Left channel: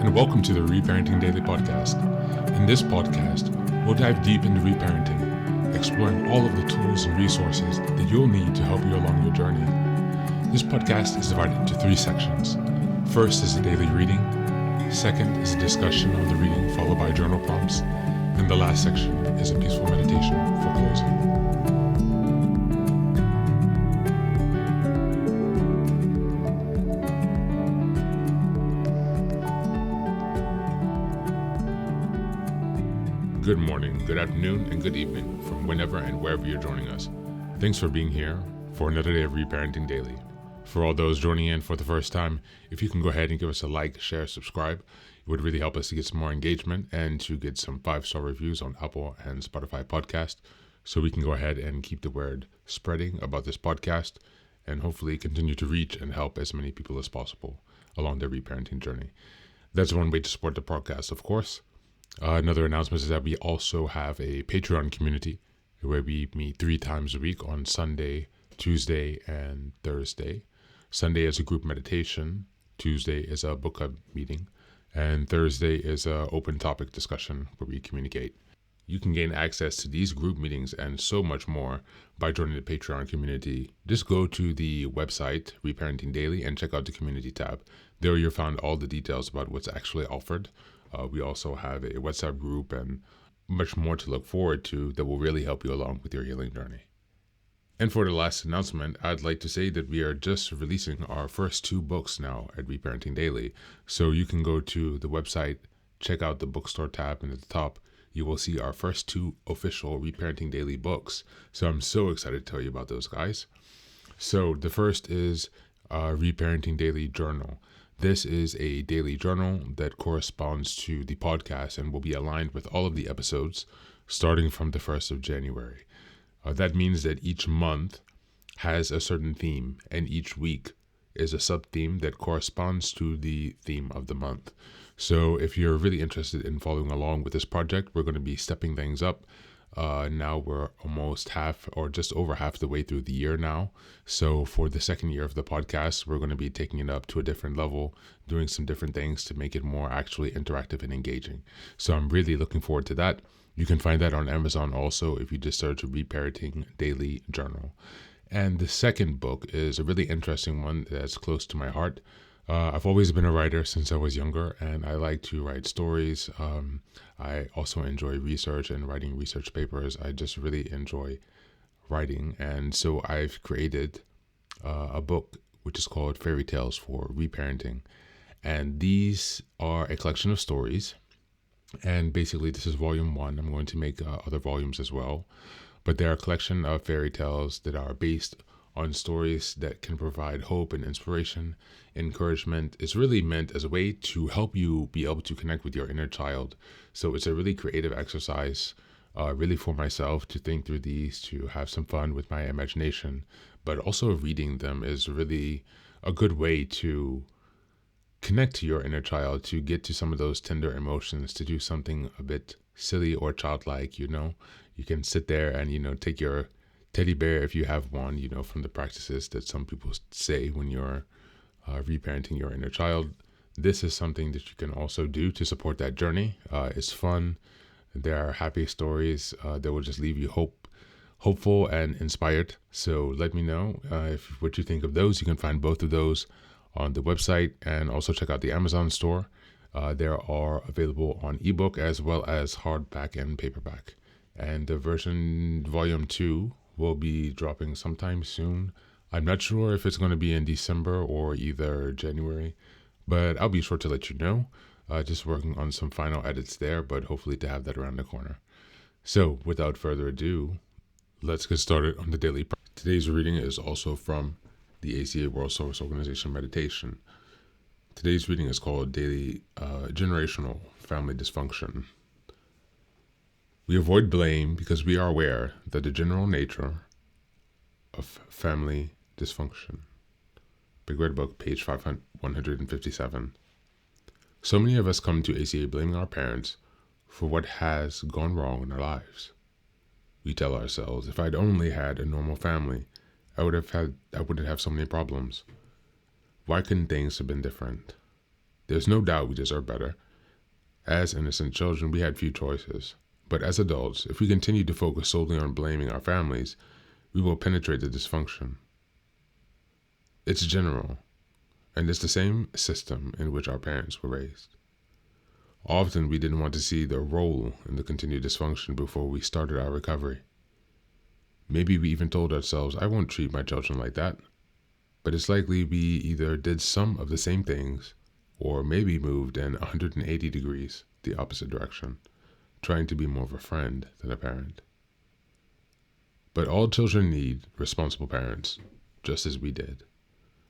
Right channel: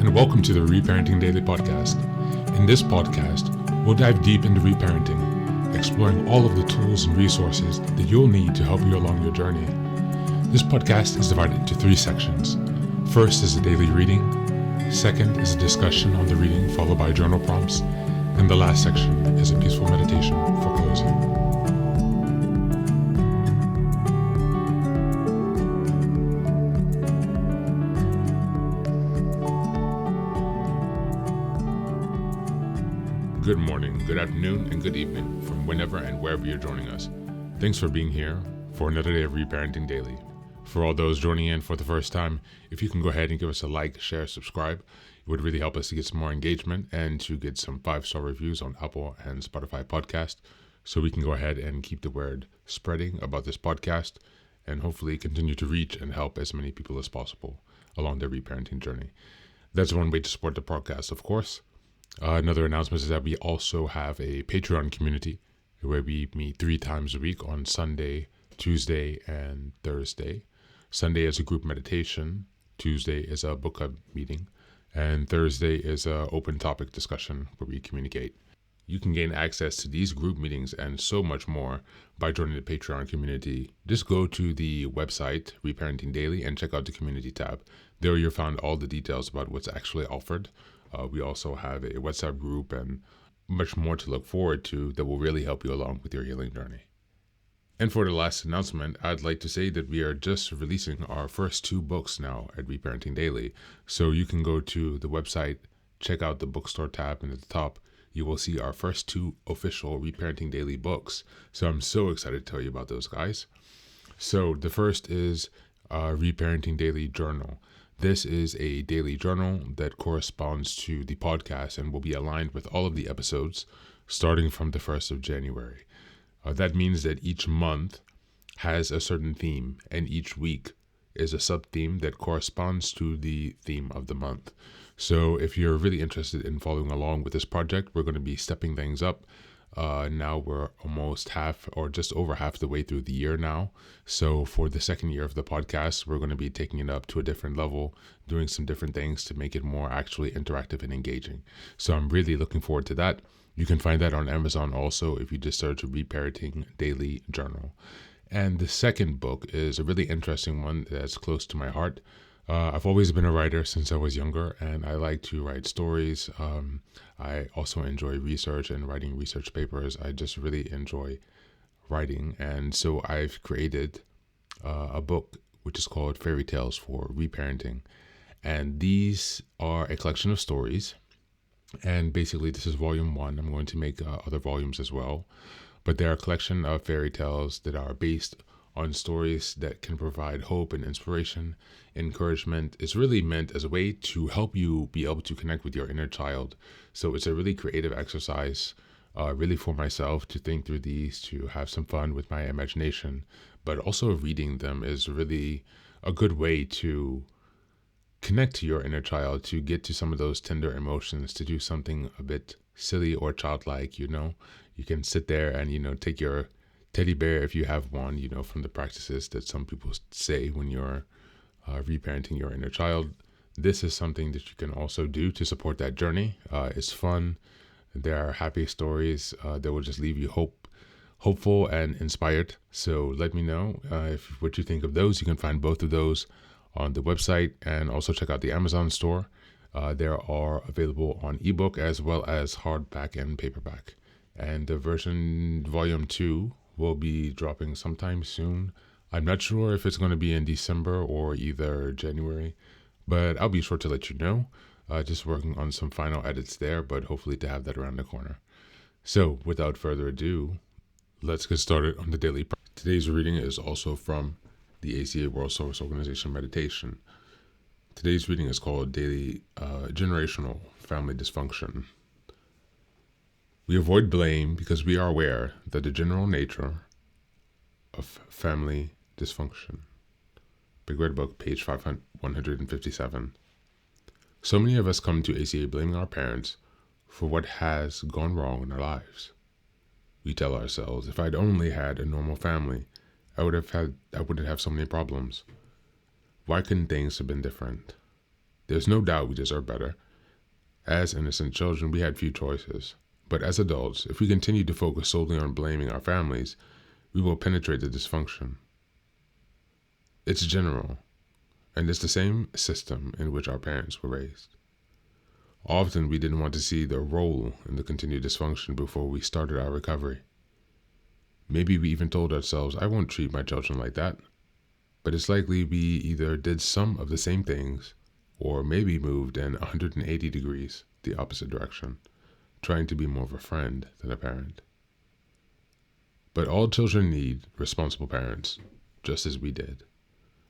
and welcome to the Reparenting Daily podcast. In this podcast, we'll dive deep into reparenting, exploring all of the tools and resources that you'll need to help you along your journey. This podcast is divided into 3 sections. First is a daily reading, second is a discussion on the reading followed by journal prompts, and the last section is a peaceful meditation for closing. Good morning, good afternoon, and good evening from whenever and wherever you're joining us. Thanks for being here for another day of Reparenting Daily. For all those joining in for the first time, if you can go ahead and give us a like, share, subscribe, it would really help us to get some more engagement and to get some 5-star reviews on Apple and Spotify podcast, so we can go ahead and keep the word spreading about this podcast and hopefully continue to reach and help as many people as possible along their reparenting journey. That's one way to support the podcast, of course. Another announcement is that we also have a Patreon community where we meet 3 times a week on Sunday, Tuesday, and Thursday. Sunday is a group meditation, Tuesday is a book club meeting, and Thursday is an open topic discussion where we communicate. You can gain access to these group meetings and so much more by joining the Patreon community. Just go to the website, Reparenting Daily, and check out the community tab. There you'll find all the details about what's actually offered. We also have a WhatsApp group and much more to look forward to that will really help you along with your healing journey. And for the last announcement, I'd like to say that we are just releasing our first 2 books now at Reparenting Daily. So you can go to the website, check out the bookstore tab, and at the top, you will see our first 2 official Reparenting Daily books. So I'm so excited to tell you about those, guys. So the first is Reparenting Daily Journal. This is a daily journal that corresponds to the podcast and will be aligned with all of the episodes starting from the 1st of January. That means that each month has a certain theme, and each week is a sub-theme that corresponds to the theme of the month. So if you're really interested in following along with this project, we're going to be stepping things up. Now we're almost half or just over half the way through the year now. So for the second year of the podcast, we're going to be taking it up to a different level, doing some different things to make it more actually interactive and engaging. So I'm really looking forward to that. You can find that on Amazon also if you just search Reparenting Daily Journal. And the second book is a really interesting one that's close to my heart. I've always been a writer since I was younger, and I like to write stories. I also enjoy research and writing research papers. I just really enjoy writing, and so I've created a book which is called Fairy Tales for Reparenting, and these are a collection of stories, and basically this is volume 1. I'm going to make other volumes as well, but they're a collection of fairy tales that are based on stories that can provide hope and inspiration, encouragement. It's really meant as a way to help you be able to connect with your inner child. So it's a really creative exercise, really for myself to think through these, to have some fun with my imagination. But also reading them is really a good way to connect to your inner child, to get to some of those tender emotions, to do something a bit silly or childlike, You can sit there and, take your teddy bear, if you have one, from the practices that some people say when you're reparenting your inner child. This is something that you can also do to support that journey. It's fun. There are happy stories that will just leave you hopeful and inspired. So let me know what you think of those. You can find both of those on the website, and also check out the Amazon store. They are available on ebook as well as hardback and paperback. And the version volume 2 will be dropping sometime soon. I'm not sure if it's going to be in December or either January, but I'll be sure to let you know. Just working on some final edits there, but hopefully to have that around the corner. So without further ado, let's get started on the daily. Today's reading is also from the ACA World Service Organization Meditation. Today's reading is called Daily Generational Family Dysfunction. We avoid blame because we are aware that the general nature of family dysfunction. Big Red Book, page 157. So many of us come to ACA blaming our parents for what has gone wrong in our lives. We tell ourselves, if I'd only had a normal family, I wouldn't have so many problems. Why couldn't things have been different? There's no doubt we deserve better. As innocent children, we had few choices. But as adults, if we continue to focus solely on blaming our families, we will penetrate the dysfunction. It's general, and it's the same system in which our parents were raised. Often we didn't want to see the role in the continued dysfunction before we started our recovery. Maybe we even told ourselves, I won't treat my children like that. But it's likely we either did some of the same things or maybe moved in 180 degrees the opposite direction, trying to be more of a friend than a parent. But all children need responsible parents, just as we did.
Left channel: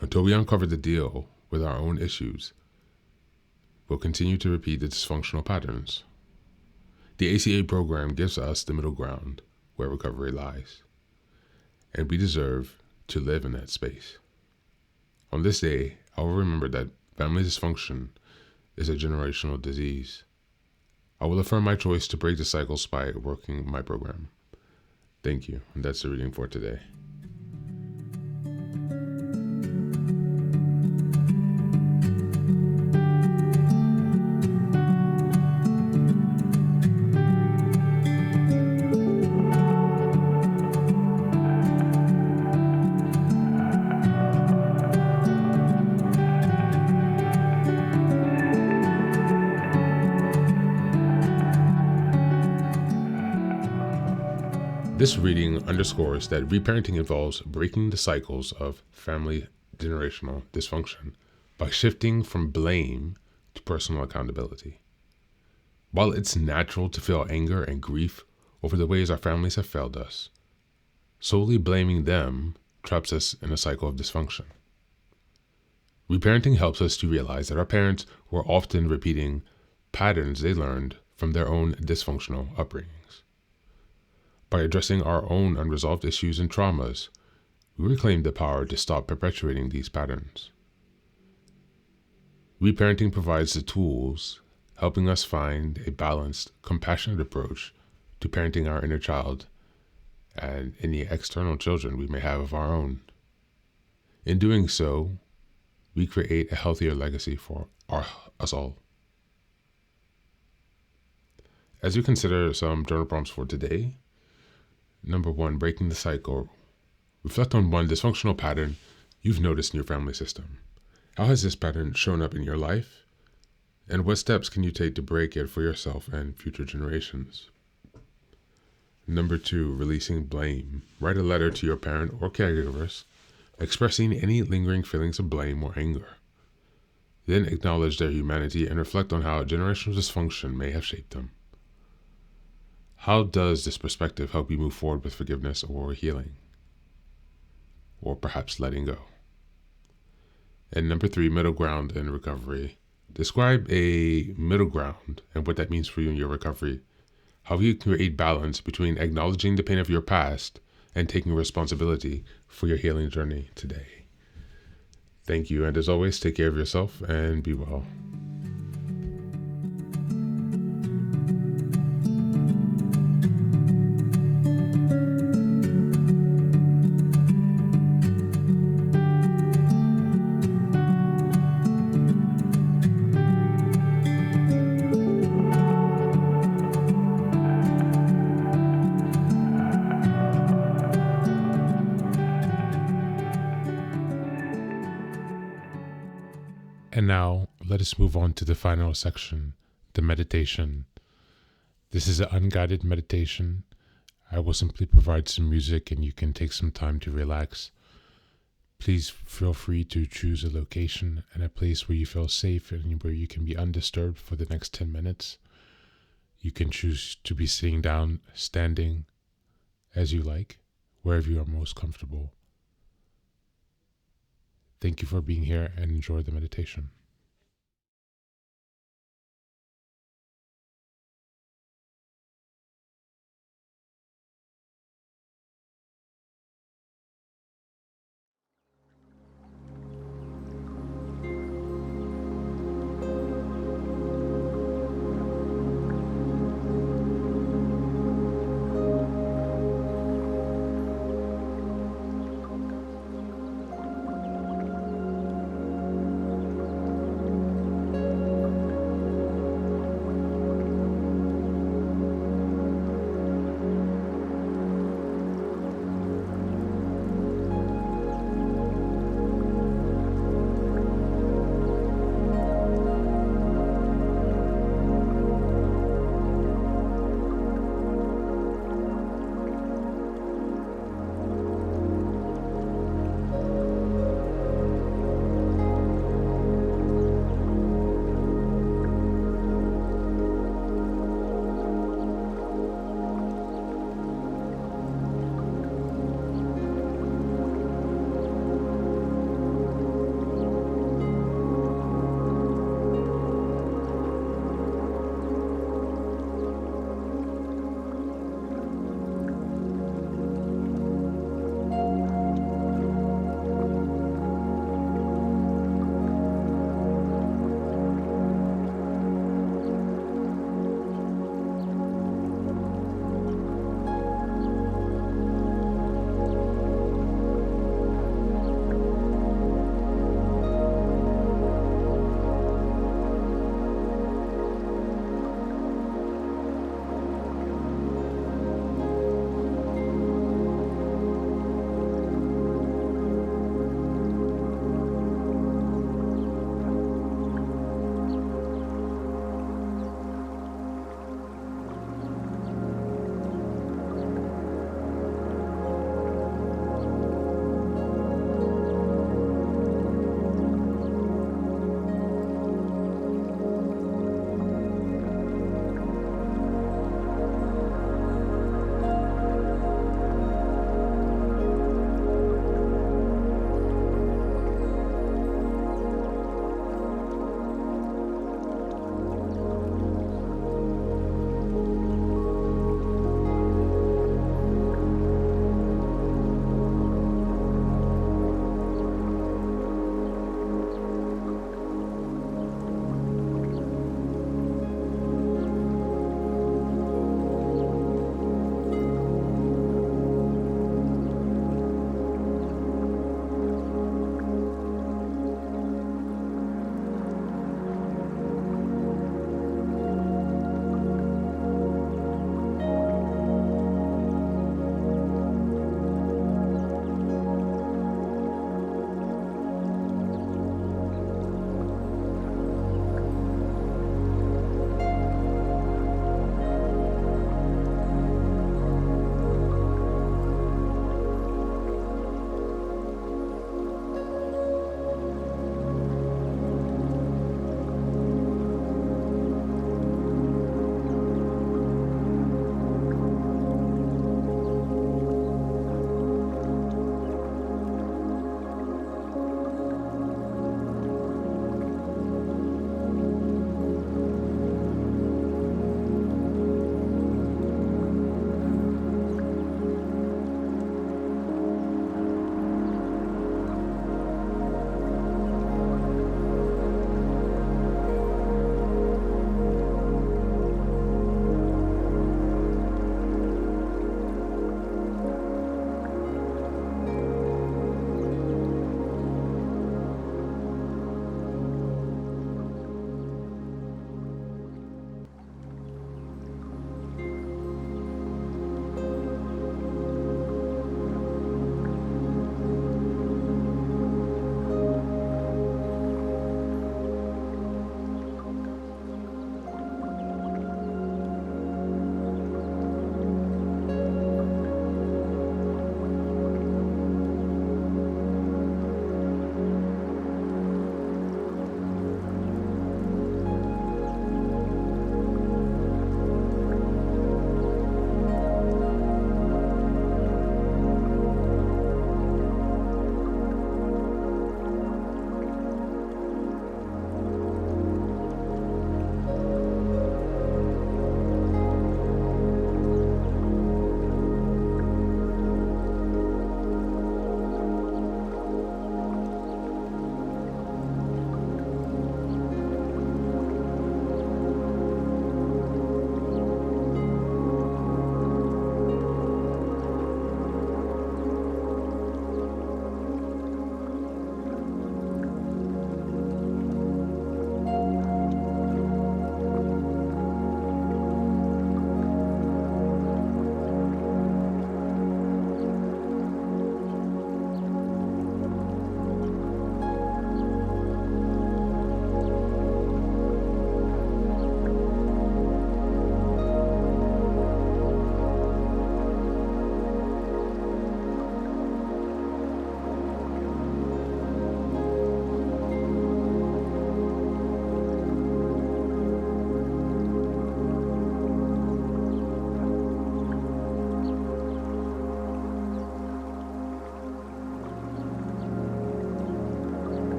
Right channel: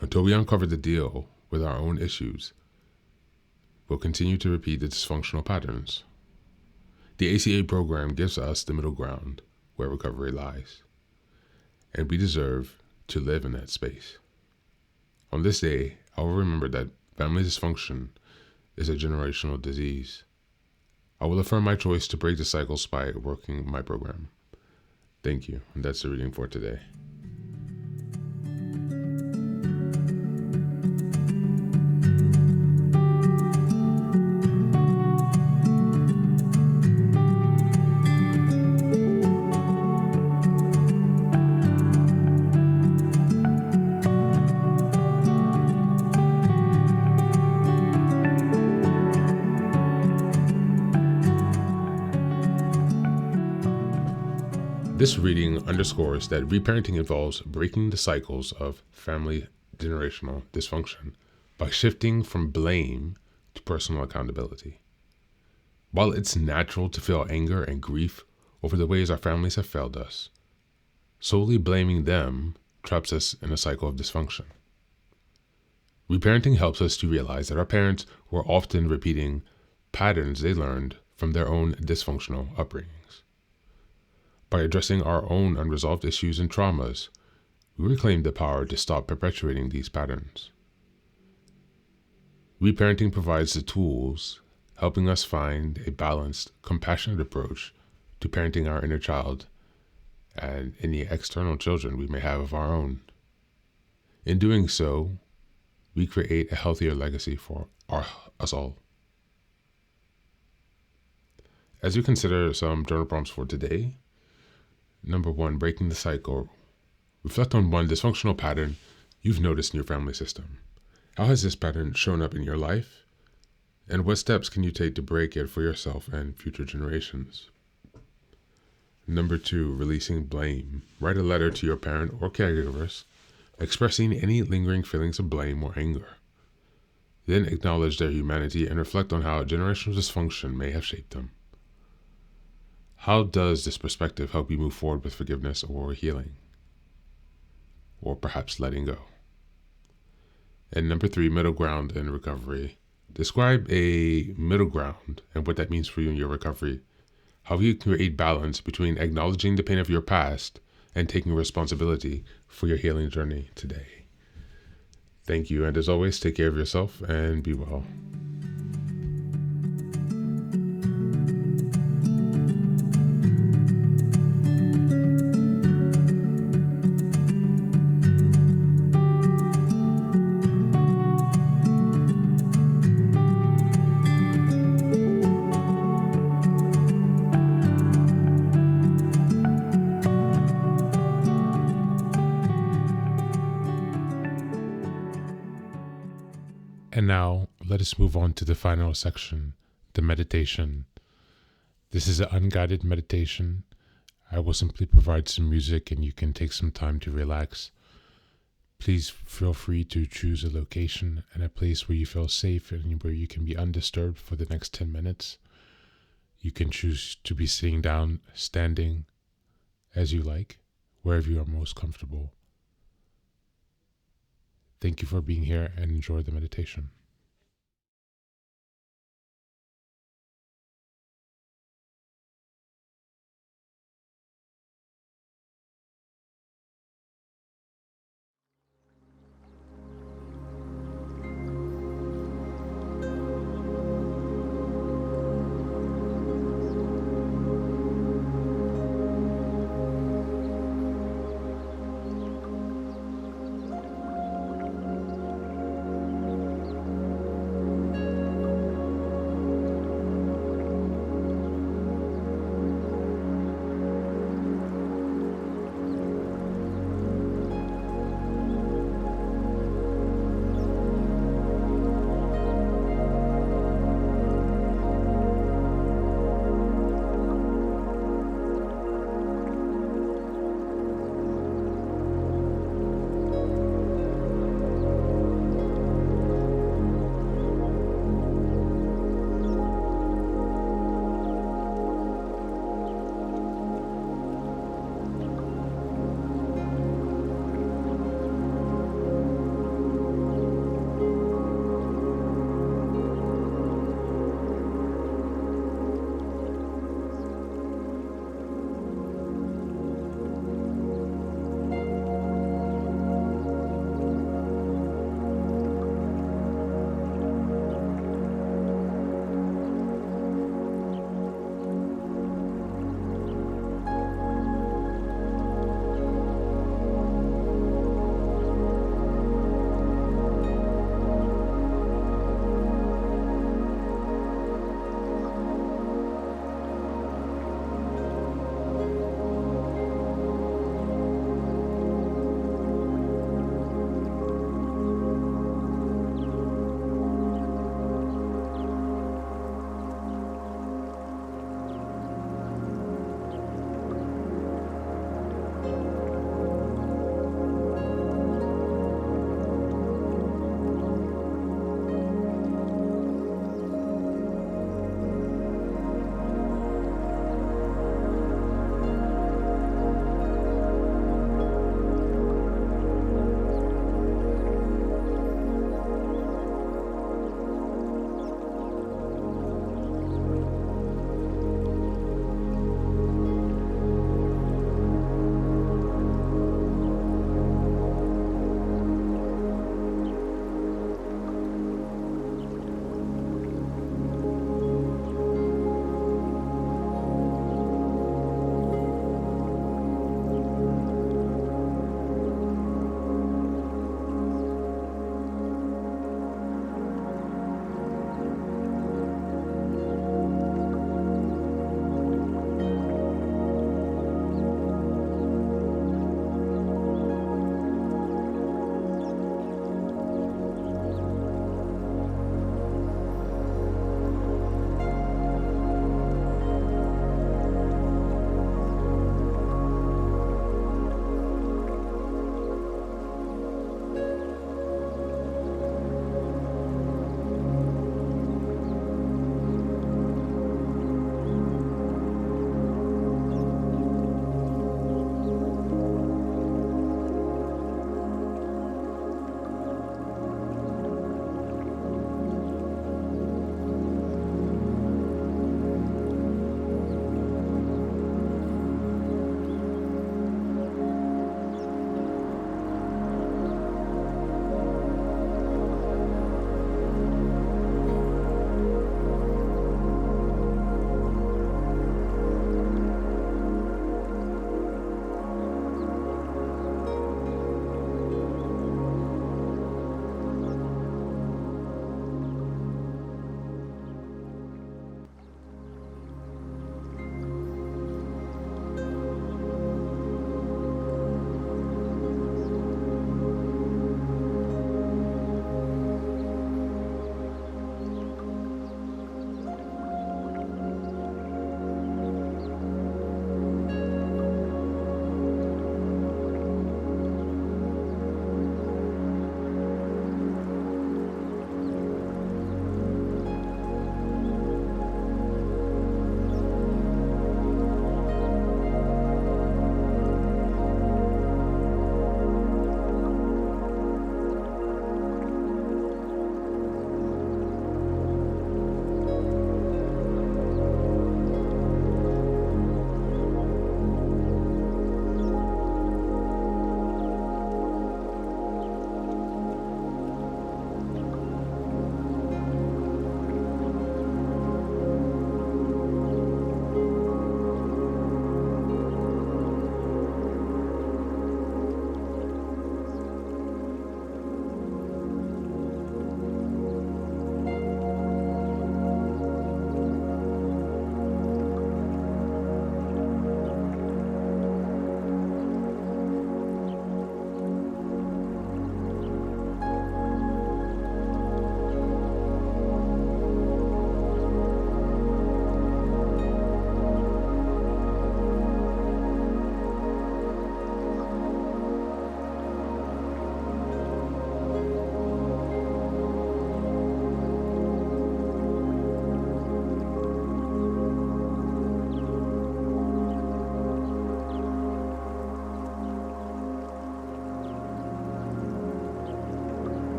Until we uncover the deal with our own issues, we'll continue to repeat the dysfunctional patterns. The ACA program gives us the middle ground where recovery lies, and we deserve to live in that space. On this day, I will remember that family dysfunction is a generational disease. I will affirm my choice to break the cycles by working my program. Thank you, and that's the reading for today. This reading underscores that reparenting involves breaking the cycles of family generational dysfunction by shifting from blame to personal accountability. While it's natural to feel anger and grief over the ways our families have failed us, solely blaming them traps us in a cycle of dysfunction. Reparenting helps us to realize that our parents were often repeating patterns they learned from their own dysfunctional upbringings. By addressing our own unresolved issues and traumas, we reclaim the power to stop perpetuating these patterns. Reparenting provides the tools, helping us find a balanced, compassionate approach to parenting our inner child and any external children we may have of our own. In doing so, we create a healthier legacy for us all. As you consider some journal prompts for today, Number 1, breaking the cycle. Reflect on one dysfunctional pattern you've noticed in your family system. How has this pattern shown up in your life? And what steps can you take to break it for yourself and future generations? Number 2, releasing blame. Write a letter to your parent or caregivers, expressing any lingering feelings of blame or anger. Then acknowledge their humanity and reflect on how generational dysfunction may have shaped them. How does this perspective help you move forward with forgiveness or healing? Or perhaps letting go? And number 3, middle ground in recovery. Describe a middle ground and what that means for you in your recovery. How you create balance between acknowledging the pain of your past and taking responsibility for your healing journey today. Thank you, and as always, take care of yourself and be well. And now, let us move on to the final section, the meditation. This is an unguided meditation. I will simply provide some music and you can take some time to relax. Please feel free to choose a location and a place where you feel safe and where you can be undisturbed for the next 10 minutes. You can choose to be sitting down, standing, as you like, wherever you are most comfortable. Thank you for being here and enjoy the meditation.